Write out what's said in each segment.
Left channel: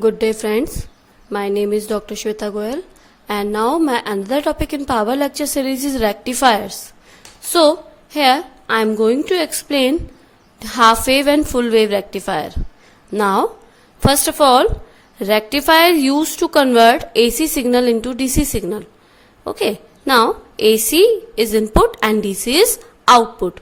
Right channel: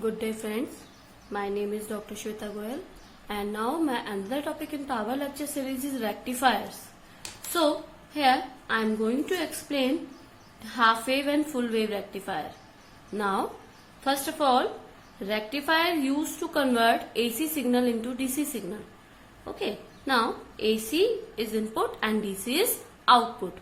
Good day friends, my name is Dr. Shweta Goyal and now my another topic in power lecture series is rectifiers. So here I am going to explain half wave and full wave rectifier. Now first of all, rectifier used to convert AC signal into DC signal. Okay, now AC is input and DC is output.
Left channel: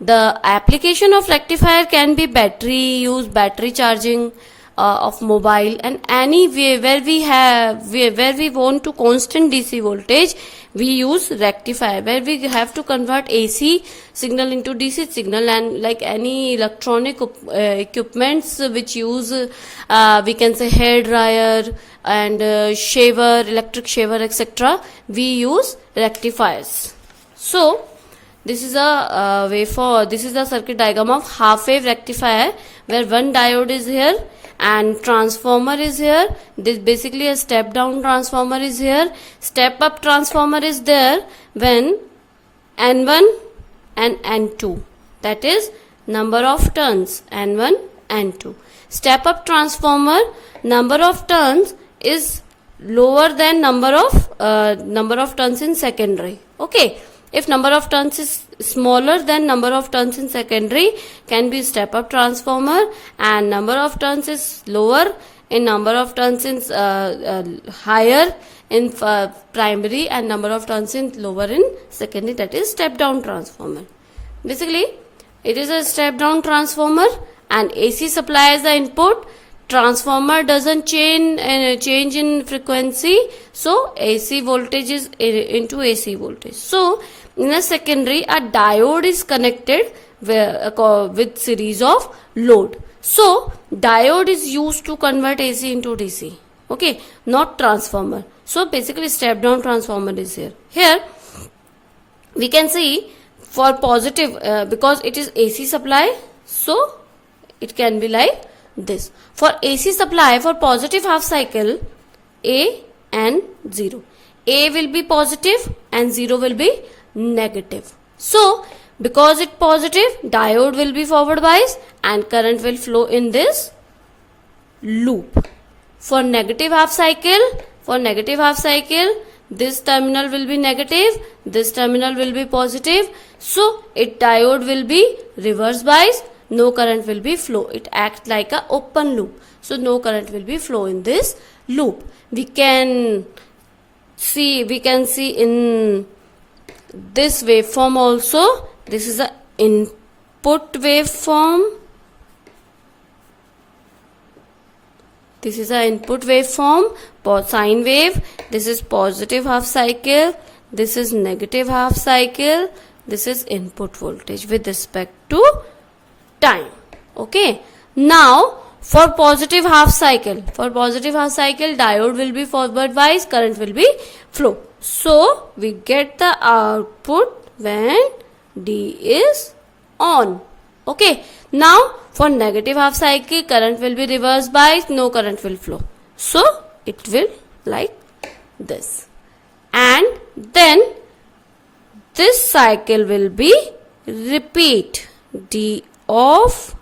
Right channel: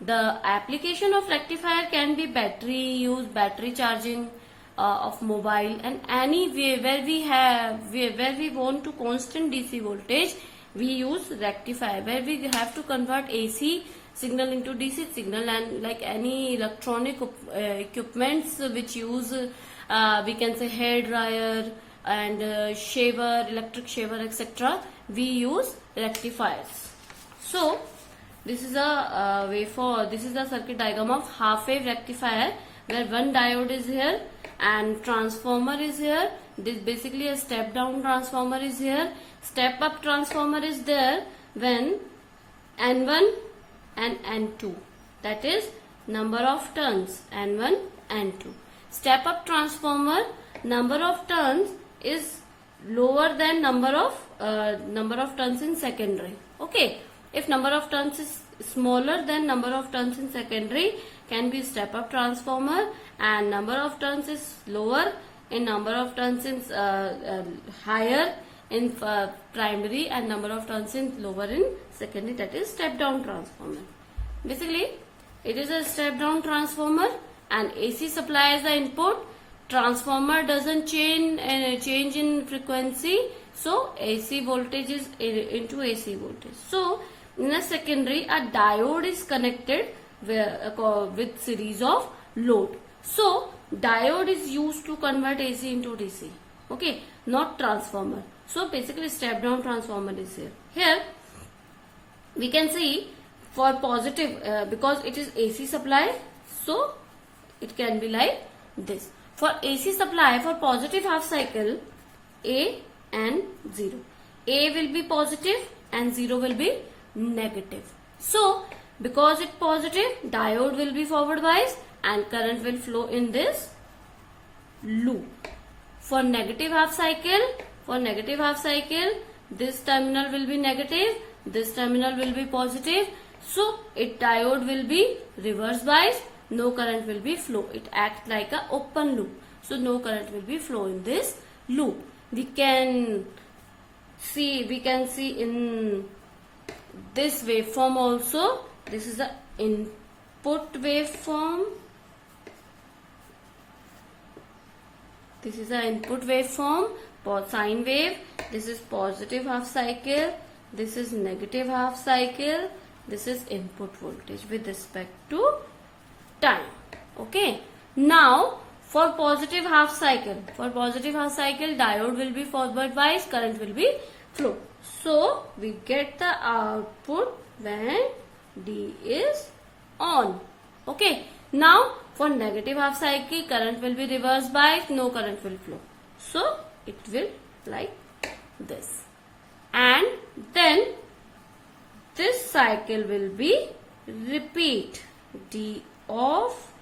The application of rectifier can be battery charging of mobile, and any way where we want to constant DC voltage, we use rectifier where we have to convert AC signal into DC signal, and like any electronic equipments which use we can say hair dryer and shaver, electric shaver, etc. we use rectifiers. So this is a circuit diagram of half wave rectifier where one diode is here and transformer is here. This basically a step down transformer is here. Step up transformer is there when N1 and N2, that is number of turns N1 N2. Step up transformer, number of turns is lower than number of turns in secondary. Okay, if number of turns is smaller than number of turns in secondary, can be step up transformer, and number of turns is lower in number of turns in higher in primary and number of turns in lower in secondary, that is step down transformer. Basically it is a step down transformer and AC supply as the input. Transformer doesn't change in frequency, so AC voltage is into AC voltage. So in a secondary, a diode is connected with series of load. So diode is used to convert AC into DC. Okay, not transformer. So basically step down transformer is here. Here we can see for positive because it is AC supply, so it can be like this. For AC supply, for positive half cycle, A and 0. A will be positive and 0 will be negative. So because it positive, diode will be forward bias and current will flow in this loop. For negative half cycle, this terminal will be negative, this terminal will be positive. So it diode will be reverse bias, no current will be flow. It acts like a open loop, so no current will be flow in this loop. We can see in this waveform also. This is a input waveform. This is a input waveform, sine wave. This is positive half cycle, this is negative half cycle, this is input voltage with respect to time. Okay, now for positive half cycle, diode will be forward bias, current will be flow. So we get the output when D is on. Okay, now for negative half cycle, current will be reverse bias, no current will flow. So it will like this, and then this cycle will be repeat, D off,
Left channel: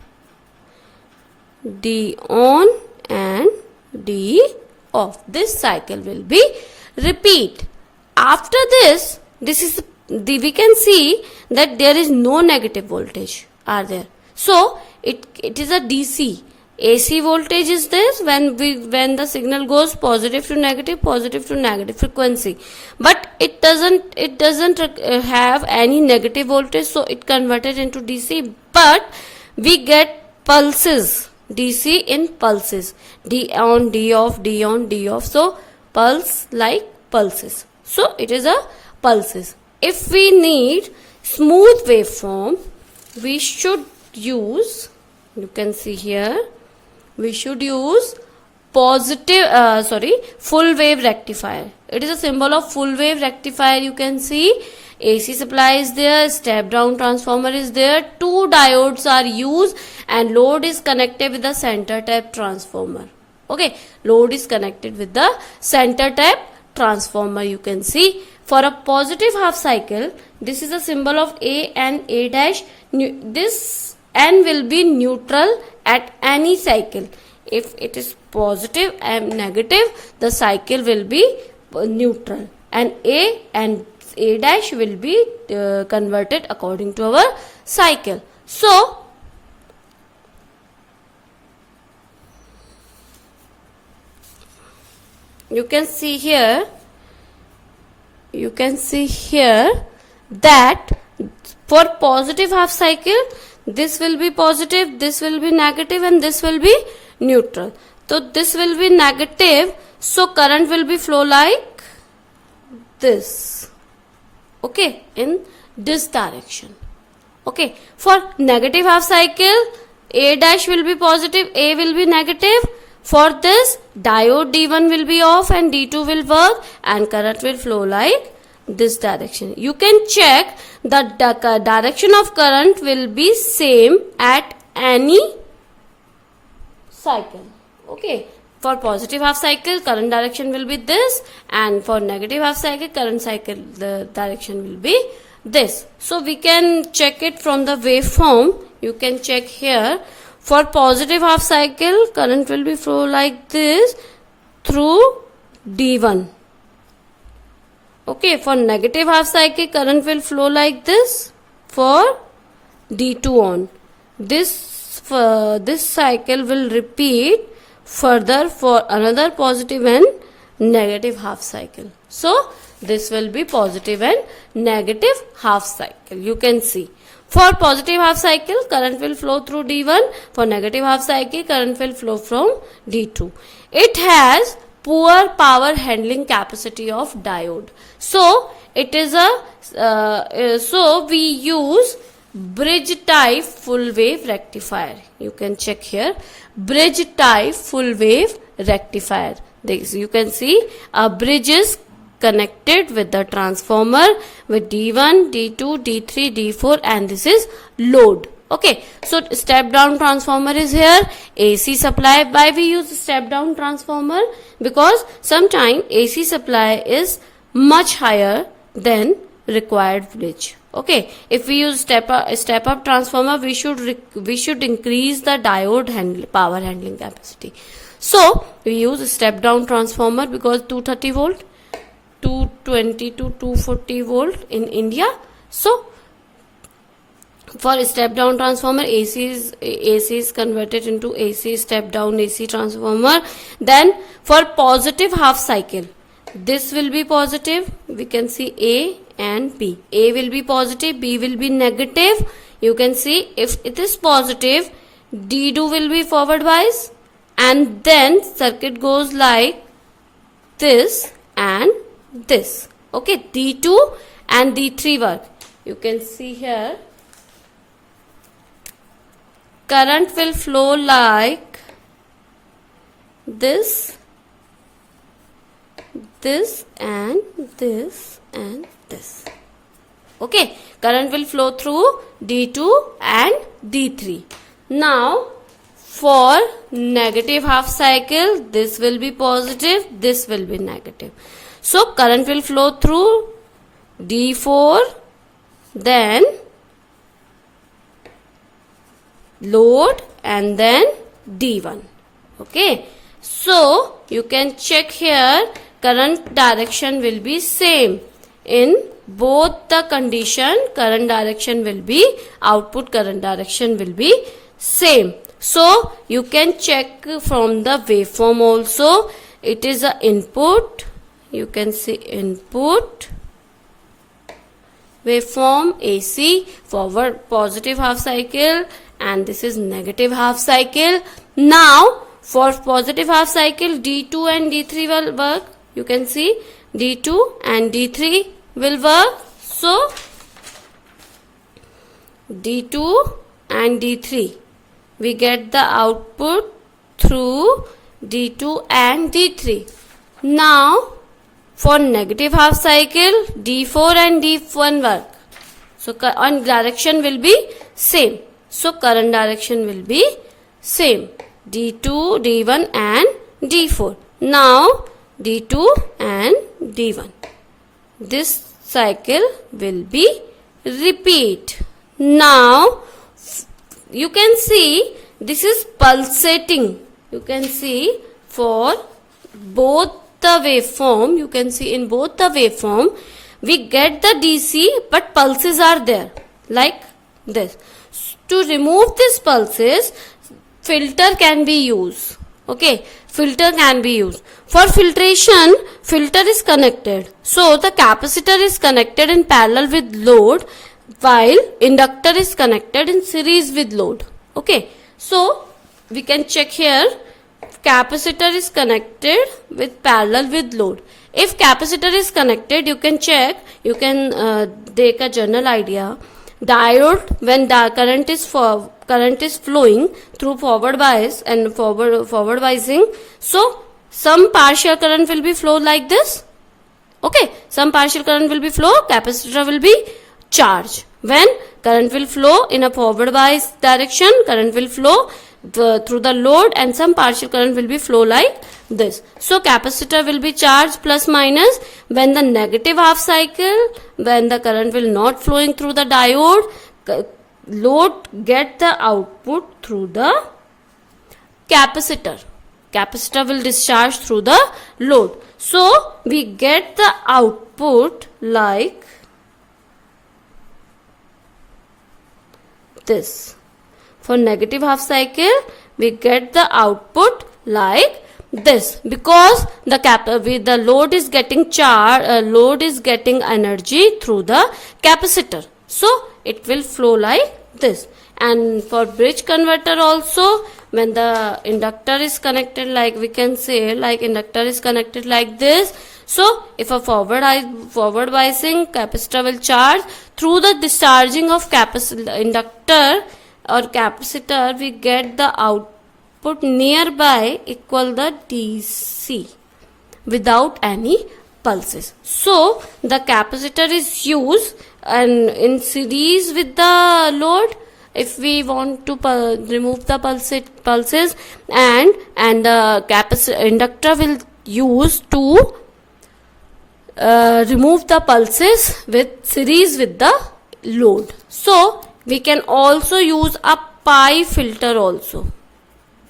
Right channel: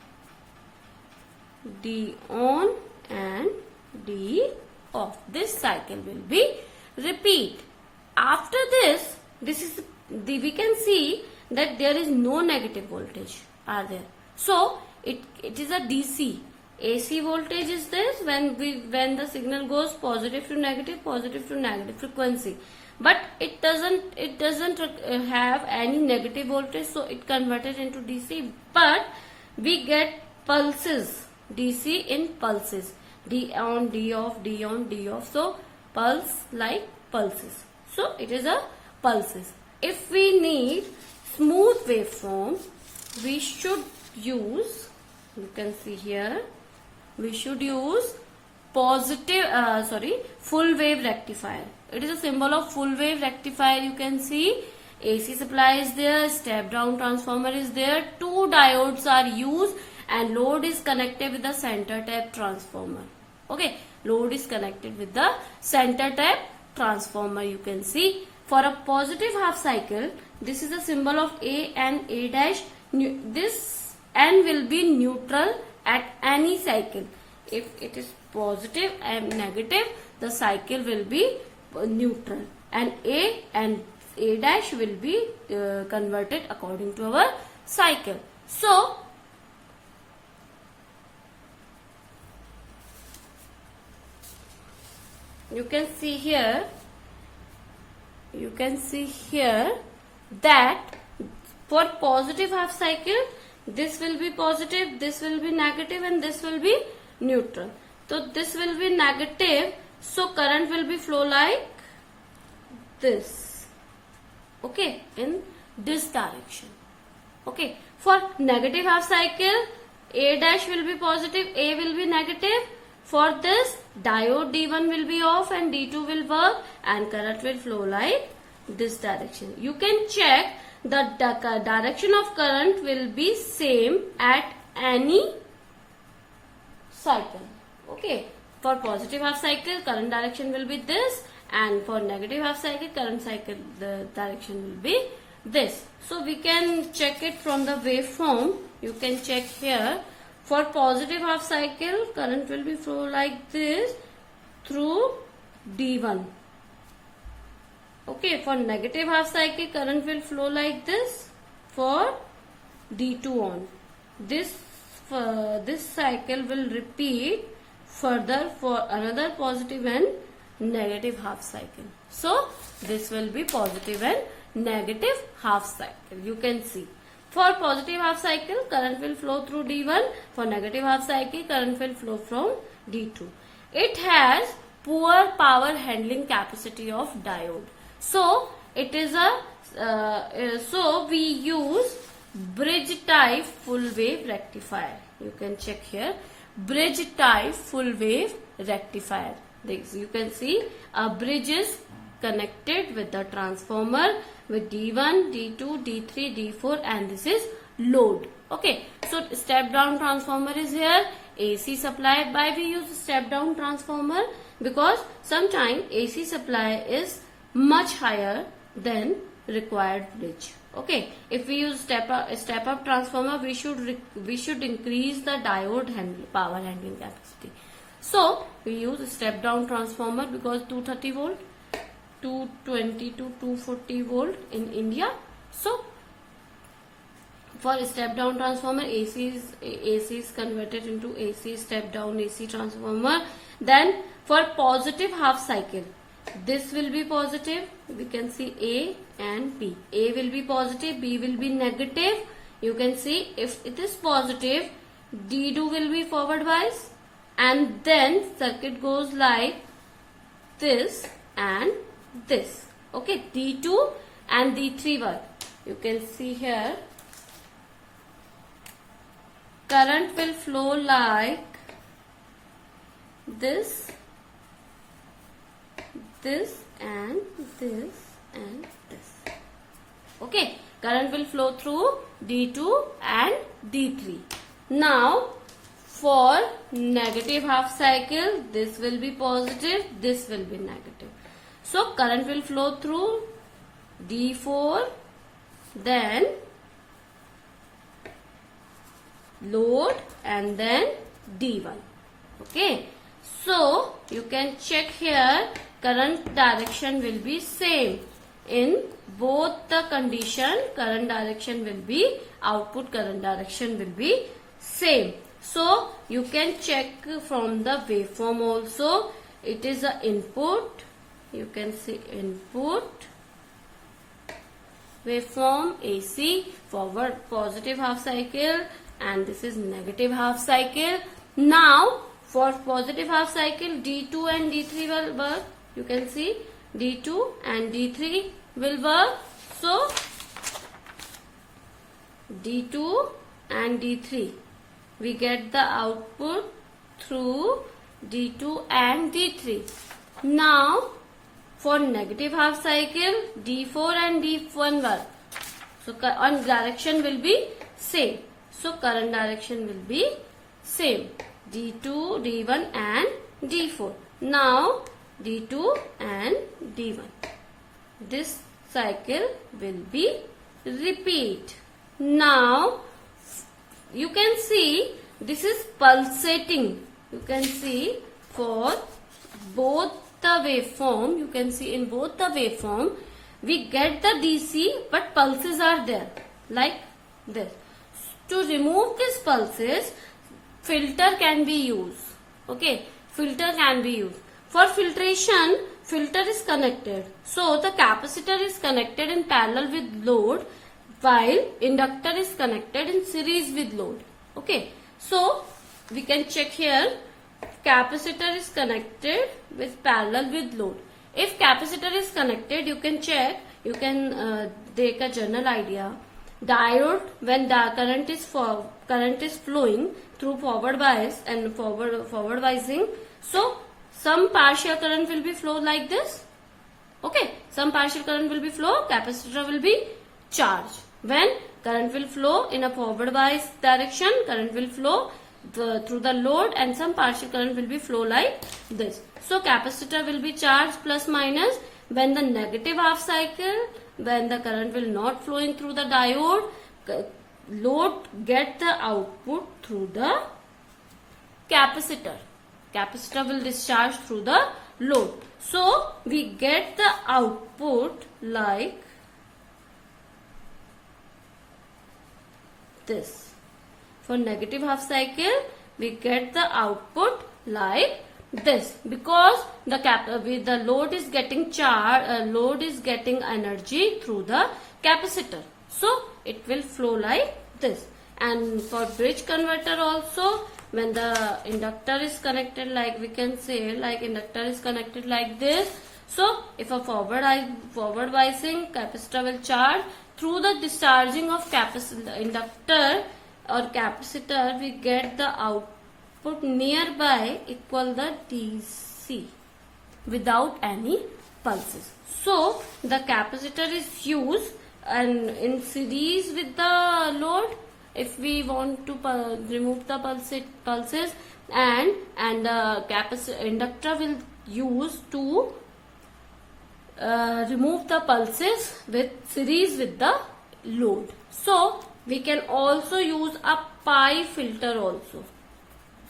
D on and D off. This cycle will be repeat. After this we can see that there is no negative voltage are there. So it is a DC. AC voltage is this when the signal goes positive to negative frequency, but it doesn't have any negative voltage, so it converted into DC. But we get pulses, DC in pulses, D on, D off, D on, D off. So pulse like pulses. So it is a pulses. If we need smooth waveform, we should use, you can see here, we should use full wave rectifier. It is a symbol of full wave rectifier. You can see AC supply is there, step down transformer is there, two diodes are used, and load is connected with the center tap transformer. Okay, load is connected with the center tap transformer. You can see for a positive half cycle, this is a symbol of A and A dash. This N will be neutral at any cycle. If it is positive and negative, the cycle will be neutral, and A dash will be converted according to our cycle. So you can see here that for positive half cycle, this will be positive, this will be negative, and this will be neutral. So this will be negative, so current will be flow like this, okay, in this direction. Okay, for negative half cycle, A dash will be positive, A will be negative. For this, diode D1 will be off and D2 will work, and current will flow like this direction. You can check that the direction of current will be same at any cycle. Okay, for positive half cycle, current direction will be this, and for negative half cycle, the direction will be this. So we can check it from the waveform. You can check here. For positive half cycle, current will be flow like this through D1. Okay, for negative half cycle, current will flow like this for D2 on. This cycle will repeat further for another positive and negative half cycle. So this will be positive and negative half cycle. You can see. For positive half cycle, current will flow through D1. For negative half cycle, current will flow from D2. It has poor power handling capacity of diode. So it is so we use bridge type full wave rectifier. You can check here, bridge type full wave rectifier. This you can see a bridge is connected with the transformer with D1, D2, D3, D4, and this is load. Okay, so step down transformer is here. AC supply. Why we use step down transformer? Because sometimes AC supply is much higher than required voltage. Okay, if we use step up transformer, we should increase the diode power handling capacity. So we use step down transformer because 230 volt, 220 to 240 volt in India. So for step down transformer, AC is converted into AC step down AC transformer. Then for positive half cycle, this will be positive. We can see A and B. A will be positive, B will be negative. You can see if it is positive, D2 will be forward bias, and then circuit goes like this and this. Okay, D2 and D3 work. You can see here, current will flow like this and this and this. Okay, current will flow through D2 and D3. Now for negative half cycle, this will be positive, this will be negative. So current will flow through D4, then load, and then D1. Okay, so you can check here, current direction will be same in both the condition. Current direction will be, output current direction will be same. So you can check from the waveform also. It is a input. You can see input waveform AC, forward positive half cycle, and this is negative half cycle. Now for positive half cycle, D2 and D3 will work. You can see D2 and D3 will work. So D2 and D3, we get the output through D2 and D3. Now for negative half cycle, D4 and D1 work. So on direction will be same. So current direction will be same. D2, D1 and D4. Now D2 and D1. This cycle will be repeat. Now you can see this is pulsating. you can see for both the waveform, you can see in both the waveform, we get the DC but pulses are there like this. To remove these pulses, filter can be used. Okay, filter can be used. For filtration, filter is connected. So the capacitor is connected in parallel with load while inductor is connected in series with load. Okay, so we can check here, capacitor is connected with parallel with load. If capacitor is connected, you can check, you can take a general idea. Diode, when the current is flowing through forward bias and forward biasing, so some partial current will be flow like this. Okay, some partial current will be flow, capacitor will be charged. When current will flow in a forward bias direction, current will flow through the load and some partial current will be flow like this. So capacitor will be charged plus minus. When the negative half cycle, when the current will not flowing through the diode, load get the output through the capacitor. Capacitor will discharge through the load. So we get the output like this. For negative half cycle, we get the output like this, because the load is getting load is getting energy through the capacitor. So it will flow like this. And for bridge converter also, when the inductor is connected, like we can say, like inductor is connected like this. So if a forward biasing, capacitor will charge through the discharging of inductor or capacitor, we get the output nearby equal the DC without any pulses. So the capacitor is used and in series with the load if we want to remove the pulses, and the inductor will use to remove the pulses with series with the load. So we can also use a pi filter also.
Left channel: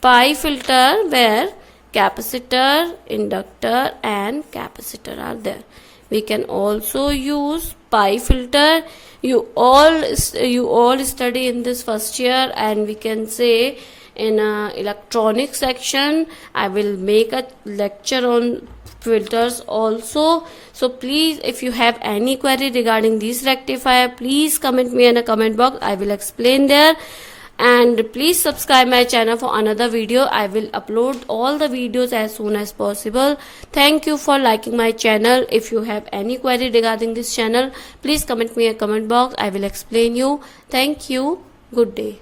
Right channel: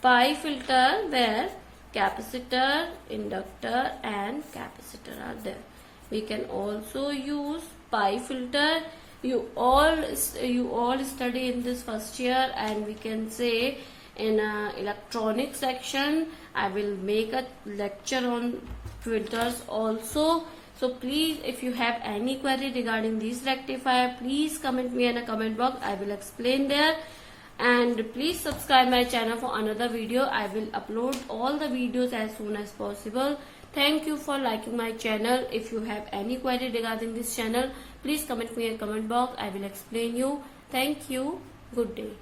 Pi filter where capacitor, inductor and capacitor are there. We can also use pi filter. You all study in this first year, and we can say in electronics section I will make a lecture on filters also. So please, if you have any query regarding this rectifier, please comment me in a comment box. I will explain there. And please subscribe my channel for another video. I will upload all the videos as soon as possible. Thank you for liking my channel. If you have any query regarding this channel, please comment me in a comment box. I will explain you. Thank you. Good day.